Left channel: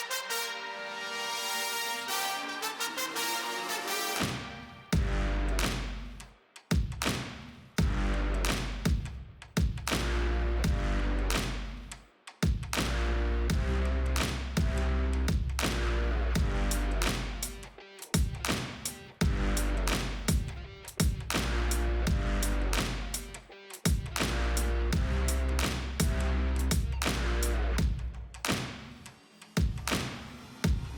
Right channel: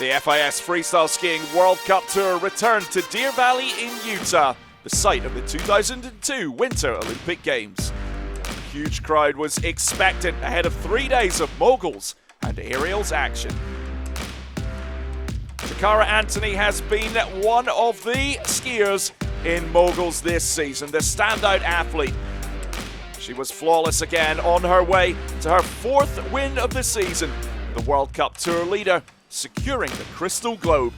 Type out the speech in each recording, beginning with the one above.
The FIS Freestyle Skiing World Cup Tour returned to Deer Valley in Utah, the site of the 2002 Winter Olympic Games. A huge crowd was expected ahead of 3 days of Moguls and aerials action. Cara Anthony has been one of the skiers in Moguls this season, the standout athlete. She was flawless again on her way to her 4th win of the season, the World Cup Tour leader securing the Crystal Globe.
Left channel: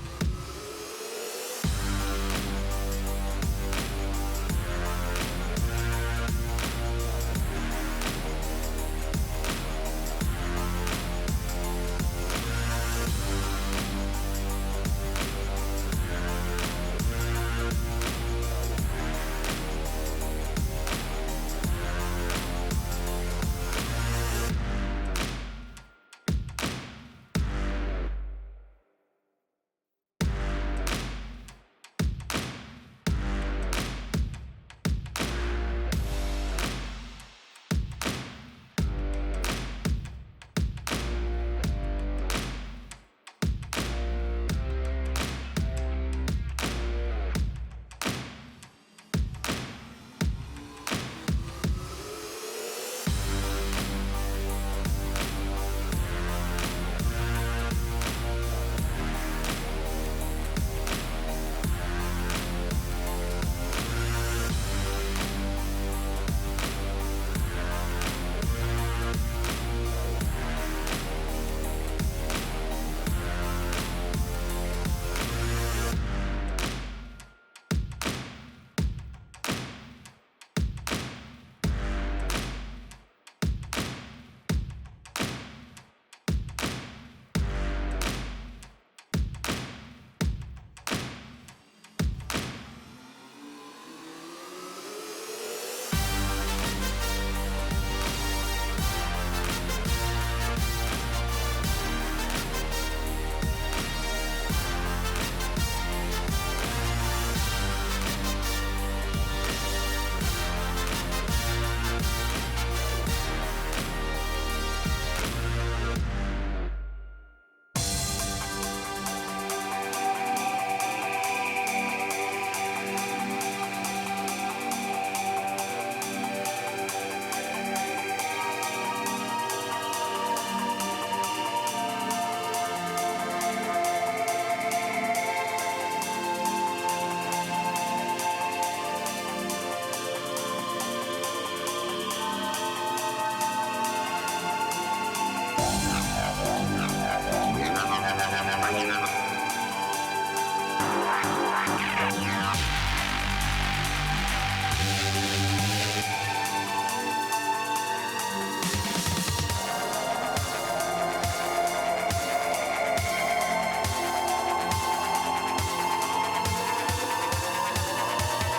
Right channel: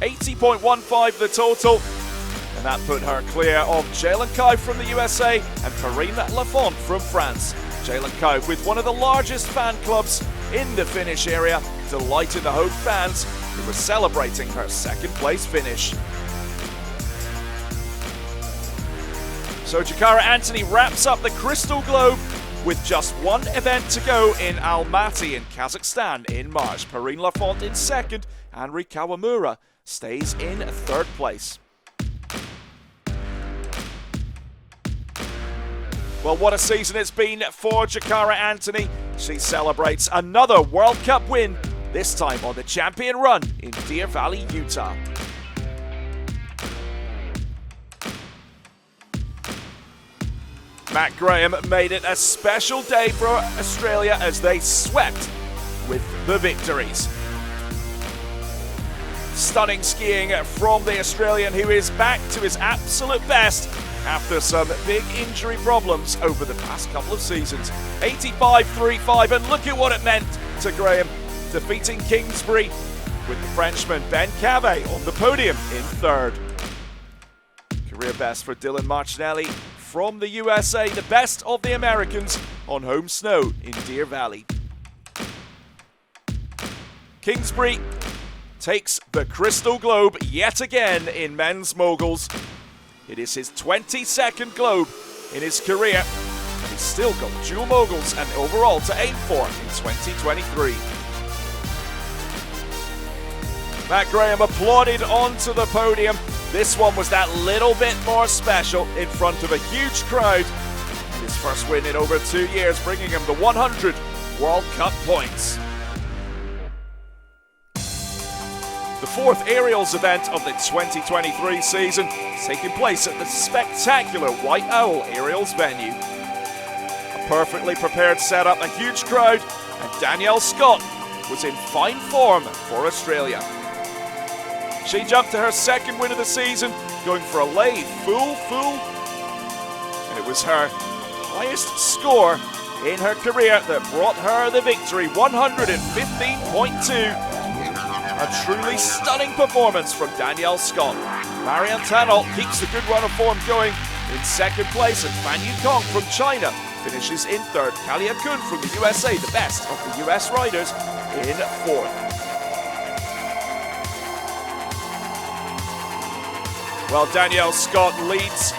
80.15 the total, and that put her clear of Jalen Cow from the USA and Karine Lafont from France. Jalen Cow with one of the largest fan clubs in the Finnish area, delighted the home fans who were celebrating her 2nd place finish. So Cara Anthony wraps up the Crystal Globe with just one event to go in Almaty in Kazakhstan in March. Karine Lafont in 2nd, and Ri Kawamura stays in 3rd place. Well, what a season it's been for Cara Anthony. She celebrates another World Cup win, this time on the champion run in Deer Valley, Utah. Matt Graham made it a special day for Australia as they swept with the victories. Stunning skiing from the Australian, who is back to his absolute best after some big injury problems over the past couple of seasons. 85.35, and look at what it meant to Graham, defeating Kingsbury with the Frenchman Ben Cave on the podium in 3rd. Career best for Dylan Marcinelli from the USA, the best of the Americans on home snow in Deer Valley. Kingsbury takes the Crystal Globe yet again in men's moguls. It is his 22nd Globe in his career. He's still got dual moguls and overall to aim for in 2023. Matt Graham applauded onto the podium. This one was that little bit more special in front of a huge crowd. His first win in over 2 years, bringing him the 100 World Cup points. The 4th aerials event of the 2023 season is taking place at the spectacular White Owl Aerials venue. A perfectly prepared setup, a huge crowd, and Danielle Scott was in fine form for Australia. She jumped to her 2nd win of the season, going for a lay full. It was her highest score in her career that brought her the victory, 115.2. A truly stunning performance from Danielle Scott. Marianne Tanol keeps a good run of form going in 2nd place, and Fan Yukong from China finishes in 3rd. Kalia Kun from the USA, the best of the US riders, in 4th. Well, Danielle Scott leads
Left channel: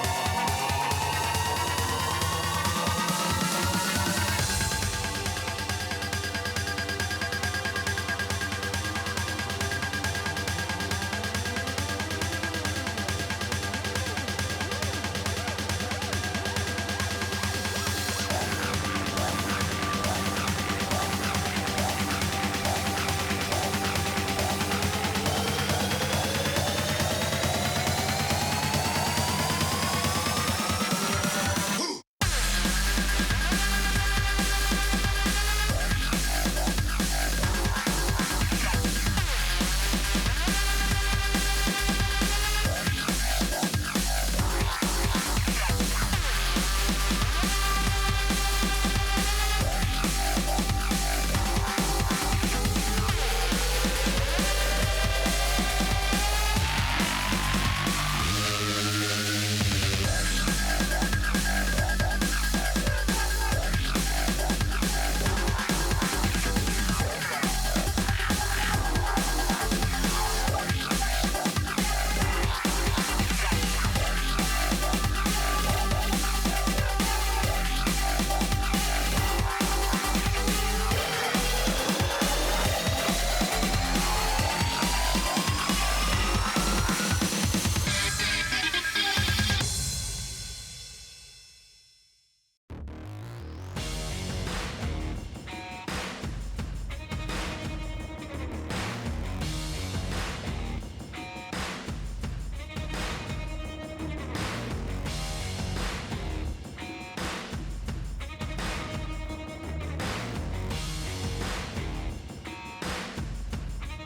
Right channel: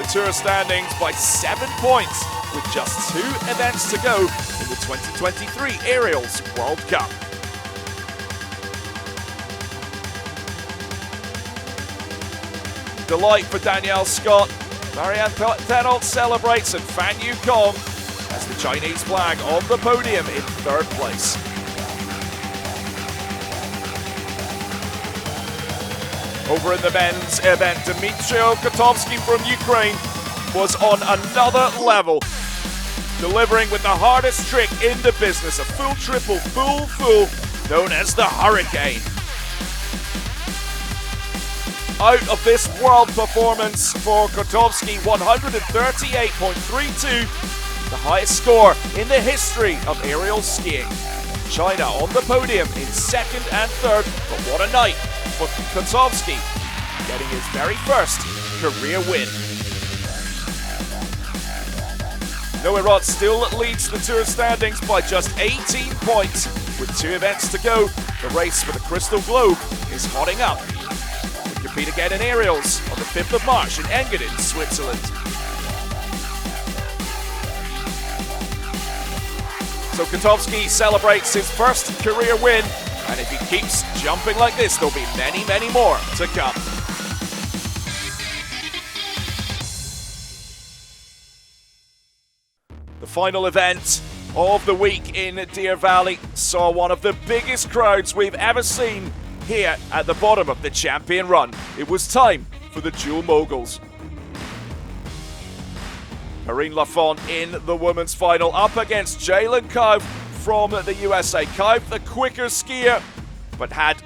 the tour standings by 7 points with just 2 events to go in the 2023 Aerials World Cup. Delight for Danielle Scott. Marianne Tanol celebrates, and Fan Yukong has the Chinese flag on the podium in 3rd place. Over in the men's event, Dmytro Kotovsky from Ukraine was on another level, delivering with the hardest trick in the business, a full triple, full, known as the Hurricane. Out of this world performance for Kotovsky, 138.32, the highest score in the history of aerial skiing. China on the podium in 2nd and 3rd, but what a night for Kotovsky, getting his very first career win. Noah Rott still leads the tour standings by just 18 points. With 2 events to go, the race for the Crystal Globe is hotting up. Compete again in aerials on the 5th of March in Engadin, Switzerland. So Kotovsky celebrates his first career win, and if he keeps jumping like this, there'll be many more to come. The final event of the week in Deer Valley saw one of the biggest crowds we've ever seen here at the bottom of the champion run. It was time for the dual moguls. Marine Lafont in the women's final up against Jalen Coe from the USA. Coe, the quicker skier, but had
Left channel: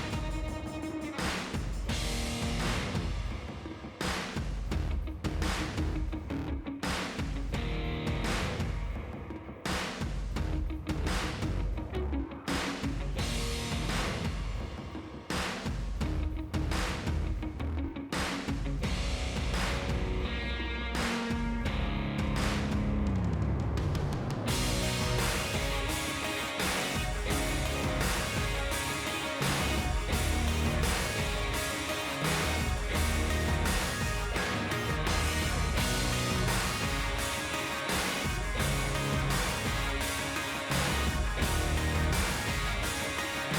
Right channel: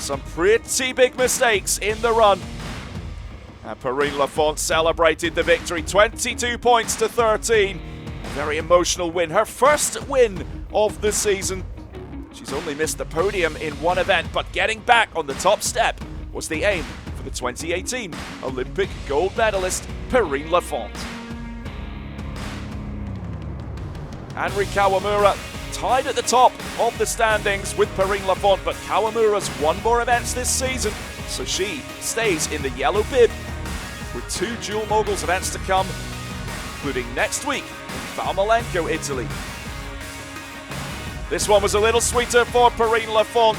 some pretty big mistakes in the run. And Marine Lafont celebrated the victory, 22 points to 13. Very emotional win, her first win of the season. She's only missed the podium in one event, but getting back on the top step was the aim for the 2018 Olympic gold medalist Marine Lafont. Henry Kawamura tied at the top of the standings with Marine Lafont, but Kawamura's won more events this season, so she stays in the yellow bib with 2 dual moguls events to come, including next week, Valmalenko, Italy. This one was a little sweeter for Marine Lafont.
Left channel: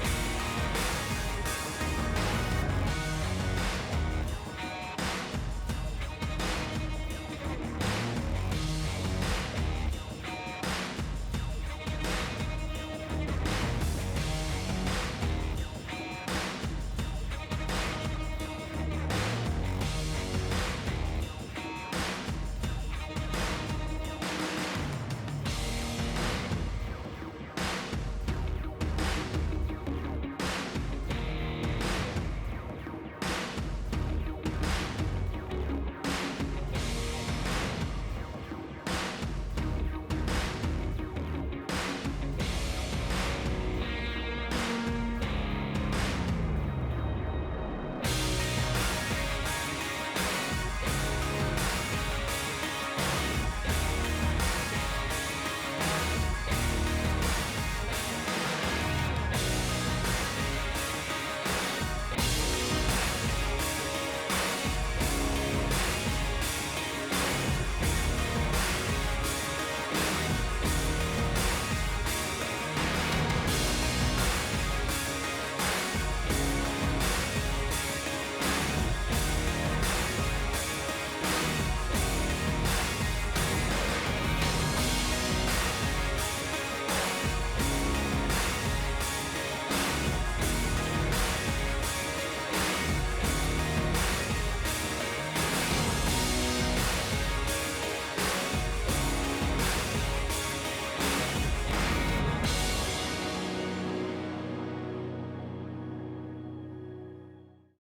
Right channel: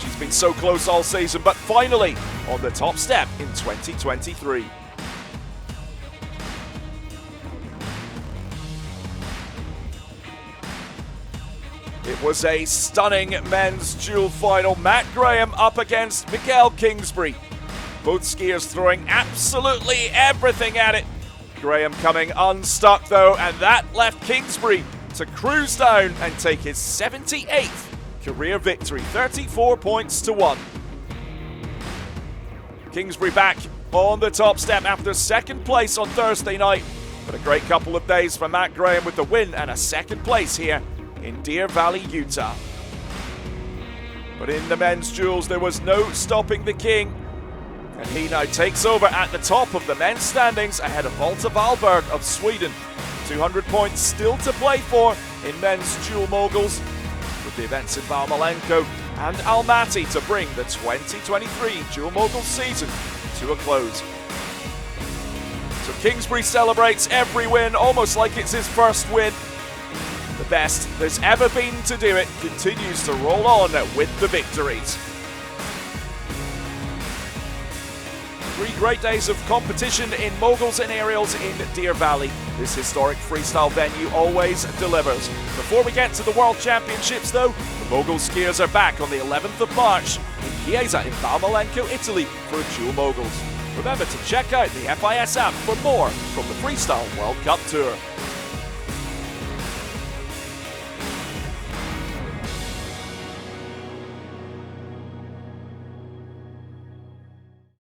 She's been so close all season, but finally on the top step in 2023. It was a stunning men's dual final. Matt Graham up against Miguel Kingsbury. Both skiers throwing absolutely everything at it. Graham coming unstuck though, and that left Kingsbury to cruise down and take his 78th career victory, 34 points to 1. Kingsbury back on the top step after second place on Thursday night. But a great couple of days for Matt Graham with the win and a second place here in Deer Valley, Utah. But in the men's duels, there was no stopping the king. And he now takes over at the top of the men's standings ahead of Walter Wahlberg of Sweden. 200 points still to play for in men's dual moguls, with the events in Valmalenko and Almaty to bring the 2023 dual mogul season to a close. So Kingsbury celebrates every win almost like it's his first win. The best there's ever been to do it continues to roll on with the victories. 3 great days of competition in moguls and aerials in Deer Valley. This historic freestyle venue always delivers. Before we get to the World Championships though, the mogul skiers are back on the 11th of March in Chiesa in Valmalenko, Italy for dual moguls. Remember to check out the FIS app for more from the Freestyle World Cup Tour.